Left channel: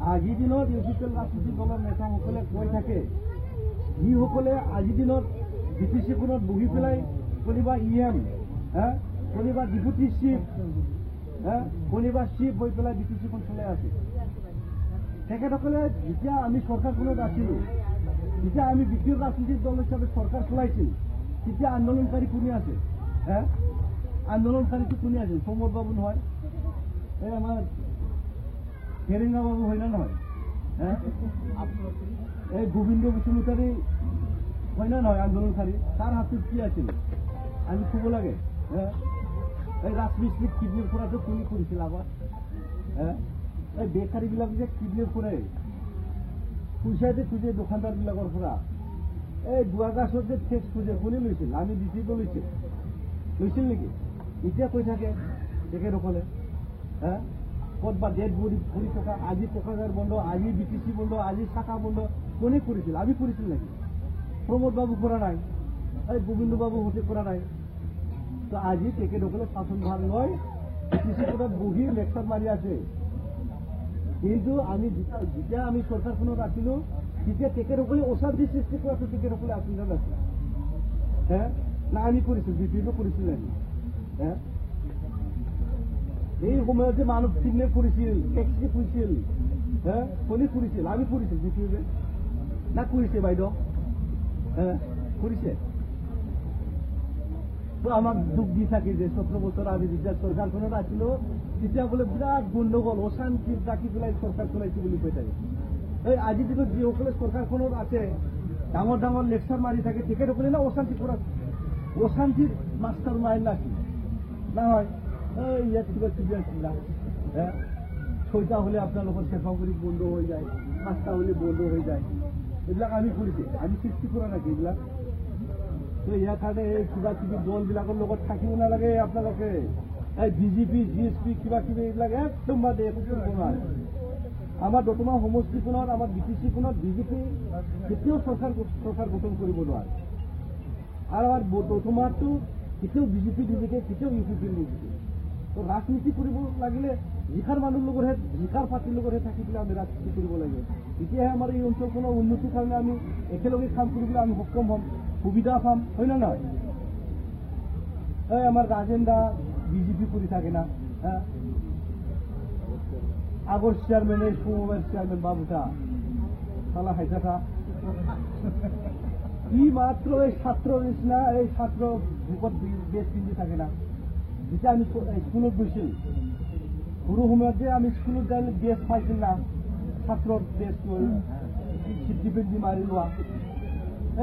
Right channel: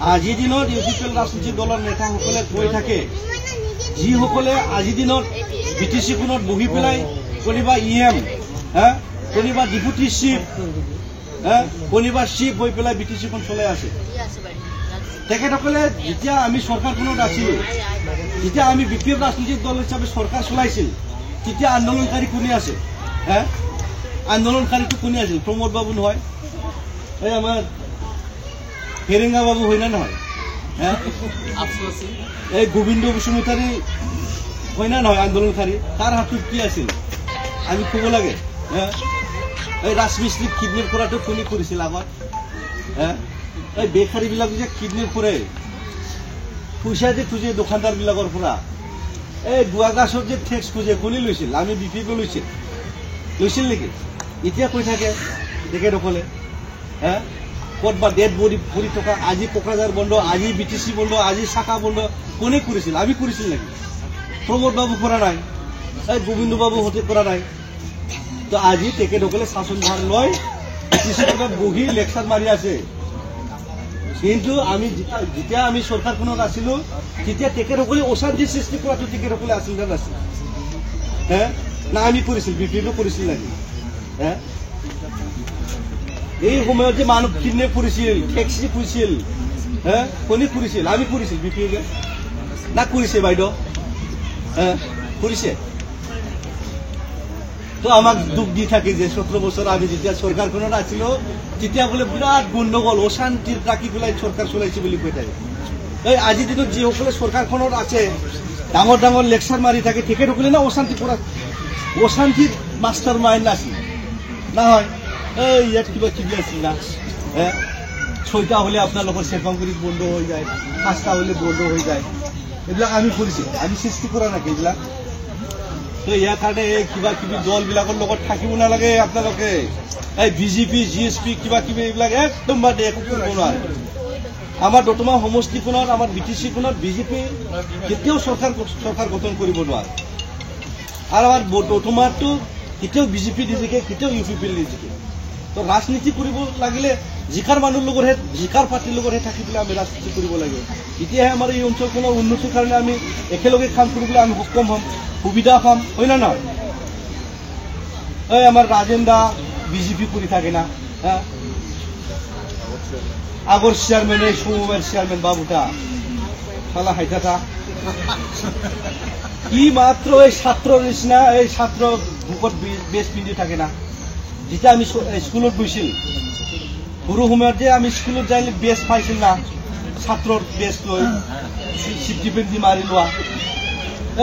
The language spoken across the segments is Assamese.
আজিৰ দিনত ইউপিপিএল ৰাজনৈতিক দলৰ নেতাসকলে কৈ থাকে, যিসকলে আজিৰ দিনত বিটিচি খনত বহি পেলাই কোনোবা EM, কোনোবা ডিপুটি চিফ, কোনোবা চিফ হৈ পেলাই বিটিচিখন চলাই আছে। তেখেতসকলে যেতিয়া আমি চৰকাৰখনত আছিলোঁ, যেতিয়া আমি বিপিএফ ৰাজনৈতিক দল হিচাপে চৰকাৰ চলাইছিল, তেতিয়া আন্দোলনকাৰী কোনে আছে? আন্দোলনকাৰীটো কোনে আছিল? প্ৰমোদ বাবু নহয়, এই আমাৰ হেৰেঙা বাবু হয় না নহয়? এই গোবিন্দ বসুমতাৰী হয় না নহয় আন্দোলনকাৰী? তাৰ হাতত কি আছিল আমি ক'ব লাগে। এই ৰাজমিস্ত্ৰীক কিডনেপ কৰাটো কোনে কৰিছিল আগত? এই বেকাৰীবিলাক যে কিডনেপ কৰে, পইচা যে খোজে দোকানদাৰবিলাকৰ পৰা, এই দুৱাগাছত যে টেক্স খোজে কোনে লৈছিল? আমি বিপিএফ লৈছিল নেকি? এতিয়া কৈ থাকে তেখেতসকলে ক'তবা ডেড বডি পৰি থকা, আজি কোকৰাঝাৰ বন্ধ, আজি বিটিচি বন্ধ, আজি চাকা বন্ধ, কোনে কৰিছিল? আমি কৰিছিল নেকি? প্ৰমোদ বাবু কৰা নাই, এই গোবিন্দ বাবু হতে কৰা নাই। তো আজি তেখেতসকলে শাসনভাৰ লৈ বিটিচি খনত বহি লেকচাৰ মাৰি আছে। কিন্তু আমি যেতিয়া আমি চৰকাৰখনত আছিলোঁ, তেতিয়া তেখেতসকলে অশান্তি সৃষ্টি কৰাটো তেখেতসকলে আছিল নে নাছিল? না আমি কৰিছিল? বিপিএফে কৰিছিল নেকি? এই সময়ত যে মানুহ কিডনেপ কৰিছিল, টেক্সি কৰিছিল, কোনে কৰিছিল? আমি কৰিছিল বিপিএফে না কৰিছে? বাইদেউ কৰিছে? তো আমাক দুখ দি থাকে যে 17 বছৰ আমি যেতিয়া চৰকাৰখনত আছিলোঁ, তেতিয়া বোলে বিৰাট গণ্ডগোল অশান্তিত ৰাখি পেলাই চৰকাৰ চলাইছে বুলি কৈ থাকে। এই আজিৰ দিনত যিসকলে চৰকাৰখনত আছে, ডাঙৰ ডাঙৰ লেকচাৰ মাৰি থাকে, তেখেতসকলে না অশান্তি কৰা, অশান্তিৰ মাষ্টাৰ মাইণ্ড আছিল নহয়? এই ইয়াত কিবা কিবি আছিল না, 6টা হ'লে আপোনালোকৰ চেপাংগুৰিত বন্ধ হৈ যায়, 5টা হ'লে বন্ধ হৈ যায়। এইবিলাক আমি কৰিছোঁ, আমি সৃষ্টি কৰা নাকি এইবিলাক? তো ইয়াৰ কাৰণে এই কিবা কিবি দলবিলাকৰ লগত থাকিব নালাগে আপোনালোকে। এই বিজেপি GSP কিবা কিবি এইবিলাক একদম বাদে, একো কৰিব নোৱাৰে। আমাৰ দতমা সমষ্টিখনত, আমাৰ বিটিচিখনত বিজেপি কেতিয়াও চৰকাৰ গঠন কৰিব নোৱাৰে। আৰু আমাৰ দতমাটো কেতিয়াও বিজেপি নিজিকে, কেতিয়াও ইউপিপিএল নিজিকে। তো ৰাজনীতি কৰিব লাগিলে জিকাৰ মানুহৰ লগতহে, জিকাৰ পাৰ্টিৰ লগতহে থাকি পেলাই আমি ৰাজনীতি কৰিব লাগে। তেতিয়াহে আমাৰ এই অঞ্চলখনৰ উন্নতিৰ কাৰণে আমি একেলগে কাম কৰিবলৈ আমি সক্ষম হ'ম, সুবিধা পাম, হয় না নহয়? এই আমাৰ ৰাজেন দা বিজেপি কৰি থাকে না, আগৰ চেয়াৰম্যান, এই সমবায়েৰ চেয়াৰম্যান বাবুটা শালা হাইটাটা কি মাত্ৰ এই ছাত্ৰৰ নিচিনা, এই ছাত্ৰ বুকত বেজ পিন্ধি থাকে না। যেতিয়া আমি স্কুলত গৈছিল, সৰু সময়ত যে আমি স্কুলত যাই বেজ পাইছিল না, ছাত্ৰৰ বেজ লৈ চিফটি পিন্ধি মাৰি লোৱা।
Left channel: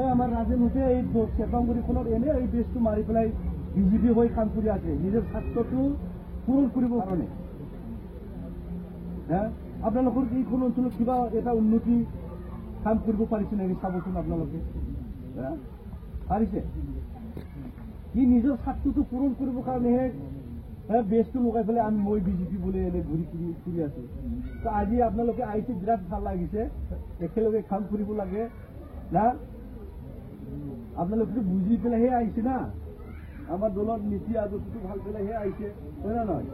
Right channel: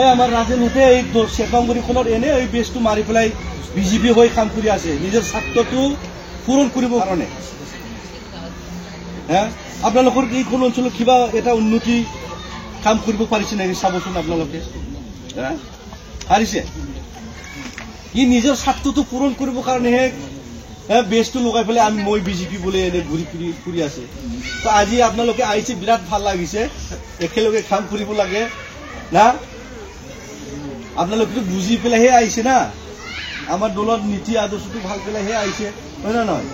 এই আমাৰ ৰাজেনহঁতে এই চেপাংগুৰিখনত এনে এই বেজটো মাৰি পেলাই বিজেপি হৈ কাম কৰি আছে, নিজৰ স্বাৰ্থটো পূৰণ কৰিবৰ কাৰণে। আপোনালোকৰ এইখন অঞ্চলত কিবা এটা উন্নতি কাম কৰিব পাৰিছে নেকি? চাবচোন আপোনালোকে, পাৰিছে? ই নিজৰ স্বাৰ্থটো পূৰণ কৰিবৰ কাৰণেহে বেজটো লগাই পেলাই আমি মই বিজেপি বোলে এনে ঘূৰি ফুৰি আছে। তো আজি আপোনালোকে আহিছে, বিৰাট ভাল লাগিছে, একেলগে কাম কৰিব লাগে না। আপোনালোকে বুজি পেলাইহে আহিছে না, আমাৰ দলৰ নীতি আদৰ্শটো ভাল পেলাইহে আহিছে, হয় না নহয়?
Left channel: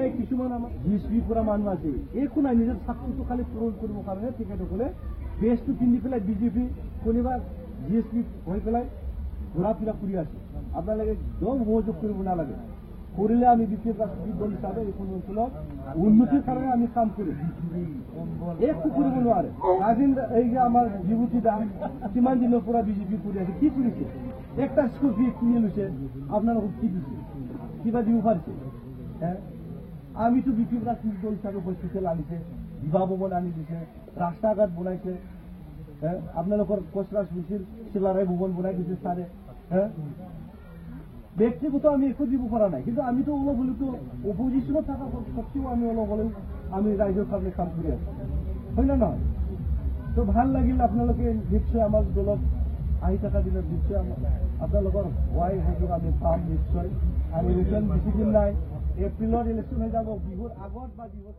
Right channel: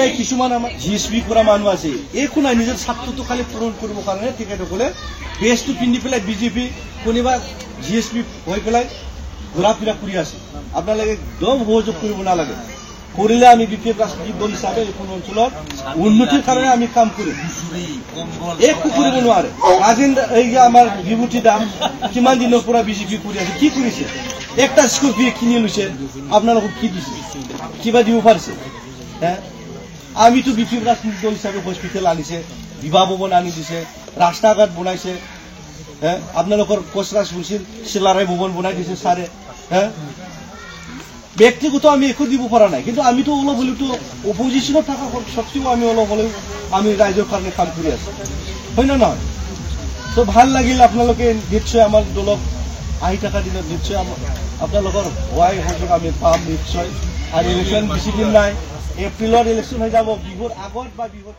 এই কিছুমান আমাৰ GSP কৰা মানুহ আছে, একো নাই, নিজৰ স্বাৰ্থটো খালি পূৰণ কৰিবৰ কাৰণে তেখেতসকলে বেজটো পিন্ধি পেলাই বিজেপি, কোনোবা GSP হৈ পেলাই ঘূৰা ফুৰা কৰি আছে। আপোনালোকে একদম সহযোগ কৰিব নালাগে। কৰিলে আমি বিপিএফ ৰাজনৈতিক দল হিচাপে এইখন অঞ্চলত উন্নতিৰ কাৰণে আমি কাম কৰিম, একো কৰিব নোৱাৰে। ৰাজেন এই যে আমাৰ বিভূতি দা কিমান দিনৰ পৰা বিজেপি কৰি আছে, কি কৰিছে? একটা স্কৰ্পিঅ কিনি লৈছে, আপোনালোকক কি দিছে? কিবা দিব পাৰিছে? আমিতো বিপিএফ ৰাজনৈতিক দল হিচাপে হস্পিটেল আনিছে, বিবাহ ভৱন আনি দিছে, ৰাস্তা ঘাট বনাইছে, আপোনালোকৰ কচৰা শুনছিল চিলাৰায় ভৱন বনাই দিছে ছাৰে। ব্যক্তিগত আমি একো দিব পৰা নাই, কিন্তু আমিতো অলপ হলেওতো অপজিশ্যনত থকা সত্ত্বেও আমি অলপ হলেও আমি ৰাইজৰ কাৰণে কাম কৰি আছো, হয় না নহয়? তো ভাল লাগিল। আপোনালোকে নিশ্চয় আমাৰ দলক আহি থকা দিনত নিশ্চয় আপোনালোকৰ সহায় সহযোগ আমি পাম নিশ্চয়। আৰু ইলেকশ্যন বেছি দিন নাই, এপ্ৰিলত ইলেকশ্যন হৈ যাব, বিহুৰ আগত বা বিহুৰ